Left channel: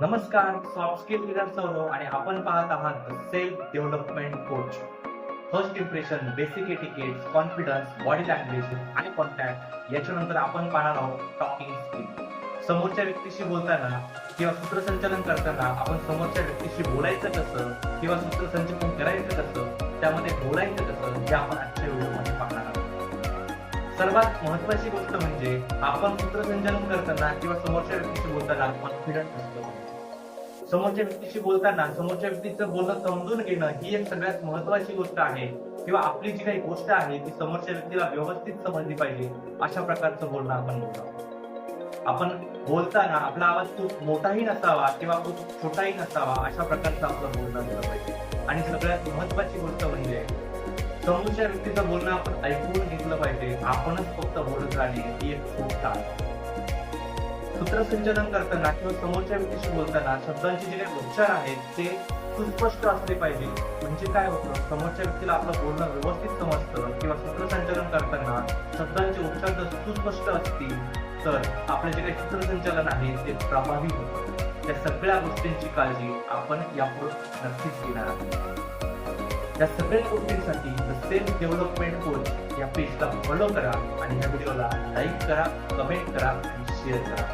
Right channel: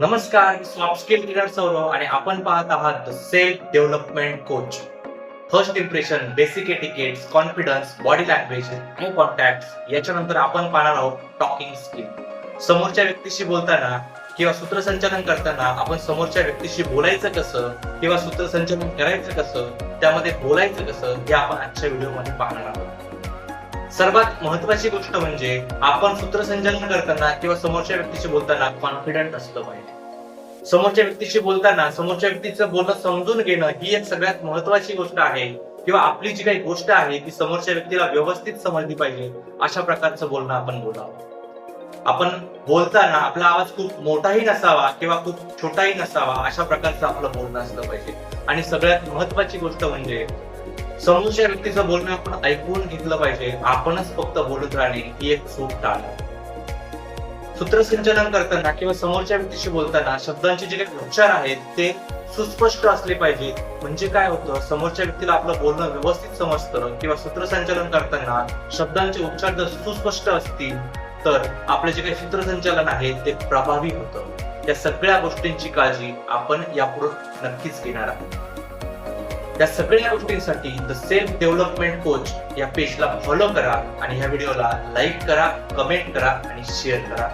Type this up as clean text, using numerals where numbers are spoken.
नमस्कार, मी soft skill trainer Saurav आणि आपण पाहत आहात the self development coach. First impression, basic etiquettes, confidence, body language, eye contact याच्यानंतर आपण पाहणार आहोत टॉकिंग स्किल. समोरच्या व्यक्तीशी बोलताना किंवा सूत्रसंचालन करताना आपण समोरच्या व्यक्तीशी बोलायचं कसं किंवा सूत्रसंचालन करायचं कसं, त्यामध्ये बोलायचं कसं हे आपण आजच्या व्हिडिओमध्ये पाहणार आहोत. सर्वात महत्वाची गोष्ट म्हणजे आपण सूत्रसंचालन करताना किंवा समोरच्या व्यक्तीशी बोलताना कॉन्फिडंट असलं पाहिजे. समोरच्या व्यक्तीशी बोलताना समोरच्या व्यक्तीचं बोलणं समजून घेणं ही एक सगळ्यात महत्वाची गोष्ट आहे. किंवा आपली जी काही गोष्ट आहे ती समोरच्या व्यक्तीला व्यवस्थित समजली पाहिजे, अशा प्रकारचं बोलणं आपण बोलावं. आपण बोलताना आपला आवाज खूप मोठाही नसावा किंवा खूप छोटाही नसावा, अशा प्रकारचं आपलं बोलणं असलं पाहिजे. आणि सगळ्यात महत्वाची गोष्ट म्हणजे समोरच्या व्यक्तीचं बोलणं आपण ऐकून घेतलं पाहिजे. आपणच फक्त बोलत राहणे ही एक चूक टाळा. सूत्रसंचालन करताना किंवा समोरच्या व्यक्तीशी बोलताना शब्दांचे जे काही उच्चार आहेत ते सुस्पष्ट असले पाहिजे. म्हणजे काय होतं, समोरच्या व्यक्तीला आपलं बोलणं व्यवस्थित समजतं. किंवा सूत्रसंचालन करताना शब्दांचे उच्चार जर सुस्पष्ट असतील तर आपलं जे काही सूत्रसंचालन आहे ते प्रभावी होतं. या सगळ्या गोष्टींची काळजी आपण यापुढे नक्कीच घेणार आहोत. या सगळ्या गोष्टींसाठी द सेल्फ डेव्हलपमेंट कोच या पेजला फॉलो करा आणि या व्हिडिओला लाईक करा, कमेंट करा आणि शेअर करा.